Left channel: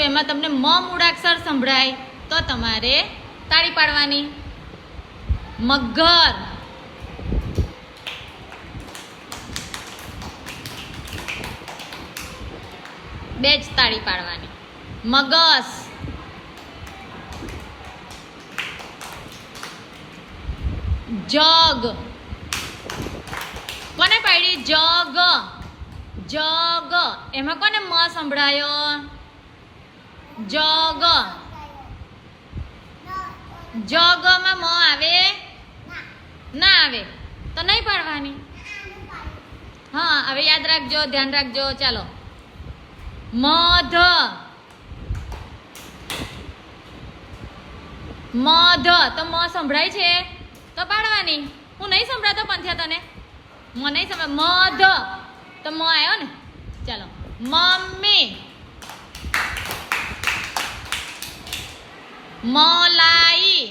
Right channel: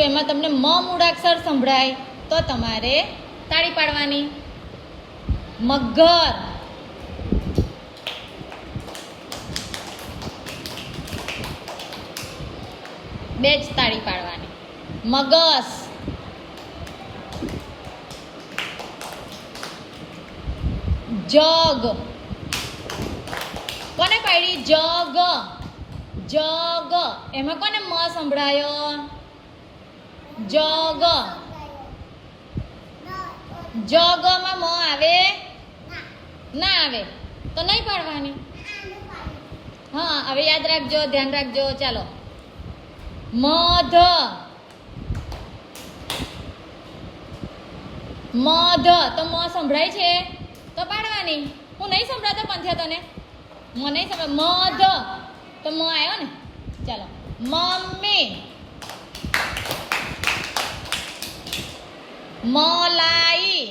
છું એમાં તમને મ મૂળાક્ષર સંભળાય તો તમારે તાળી પાડવાની. મગર, બે જ તાળી પાડવાની. મગસ, જગ, કોને પાડી? જગ, જગ, એમાં કોને મ સંભળાયો? જગ, જગમાં મ આવે? ના આવે તો નહીં પાડવાની. હા, હવે યાદ રાખજો, ધ્યાન રાખજો. ચાલો, મધ, મધ, તો મ સંભળાય છે તો પાડવાની. હું નહીં સંભળાતો પંથ્યા તને? મ નહીં સંભળાય. મધ તો મ આવ્યો ને. ચાલો, મમ્મી, મલાઈ,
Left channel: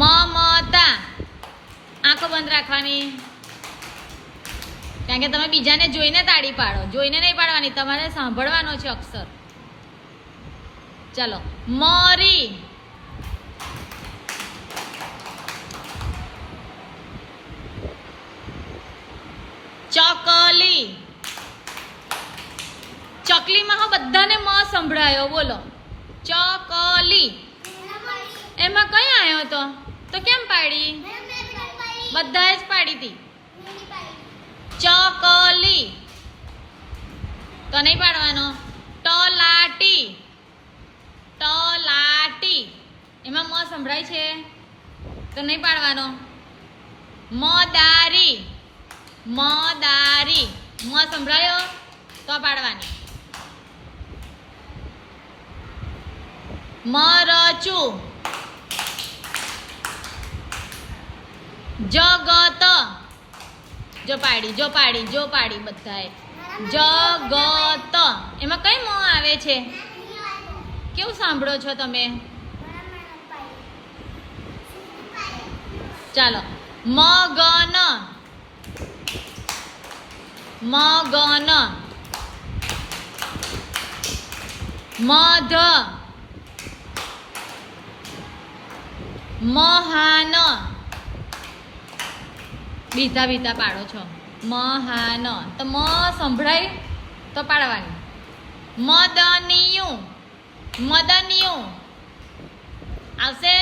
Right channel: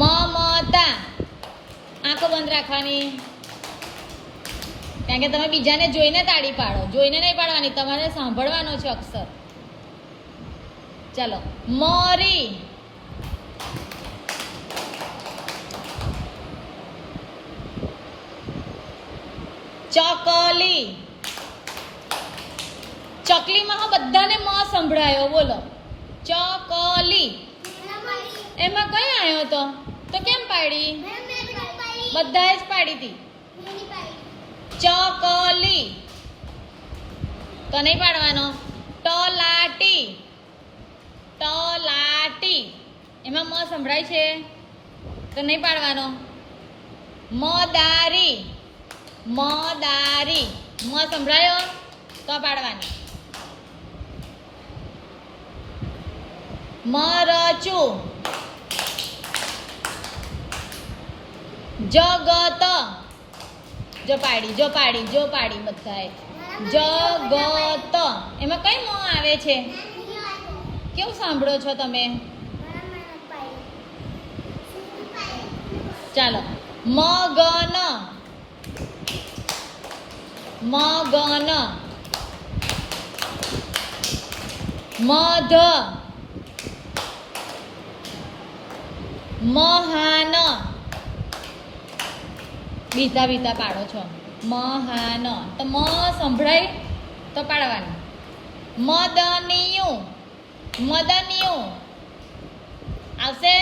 મમતા. આંખો બંધ રાખવાની, કારણ કે તમે બીજાને જોઈને તાળી પાડો, જોઈને નહીં પાડવાની, તમારે સાંભળવાનો છે અક્ષર. ચાલો, મરી, ચકલી. ચકલીમાં હા બધાને મ સંભળાયો. બોલો, ચકલી. એમાં કઈ આવ્યો તો કેમ પાડી? બધાએ જ પાડી હતી. ચકલી તો નહીં પાડવાનો. તલાટી, તલાટી, એમાં મ સંભળાય છે તો નહીં પાડવાનો. મદારી, મદારી, મ સંભળાયો તો પાડવાની. મરચું, જગત, જો પાડી, જો પાડી, જો પાડી બધાએ. જગત, એમાં કઈ મ આવે છે? કેવું સાંભળો છો તમે? ચાલો, મગન, મગન, મધ, મહાન. બીજા બીજા પાડો છો. મહાન તો મ સંભળાય તો પાડવાની. મદનિયું, મદનિયું આવશે.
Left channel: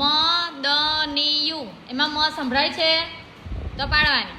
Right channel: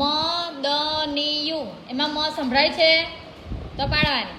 મદનિયું, એમાં મ સંભળાય છે તો પાડવાની.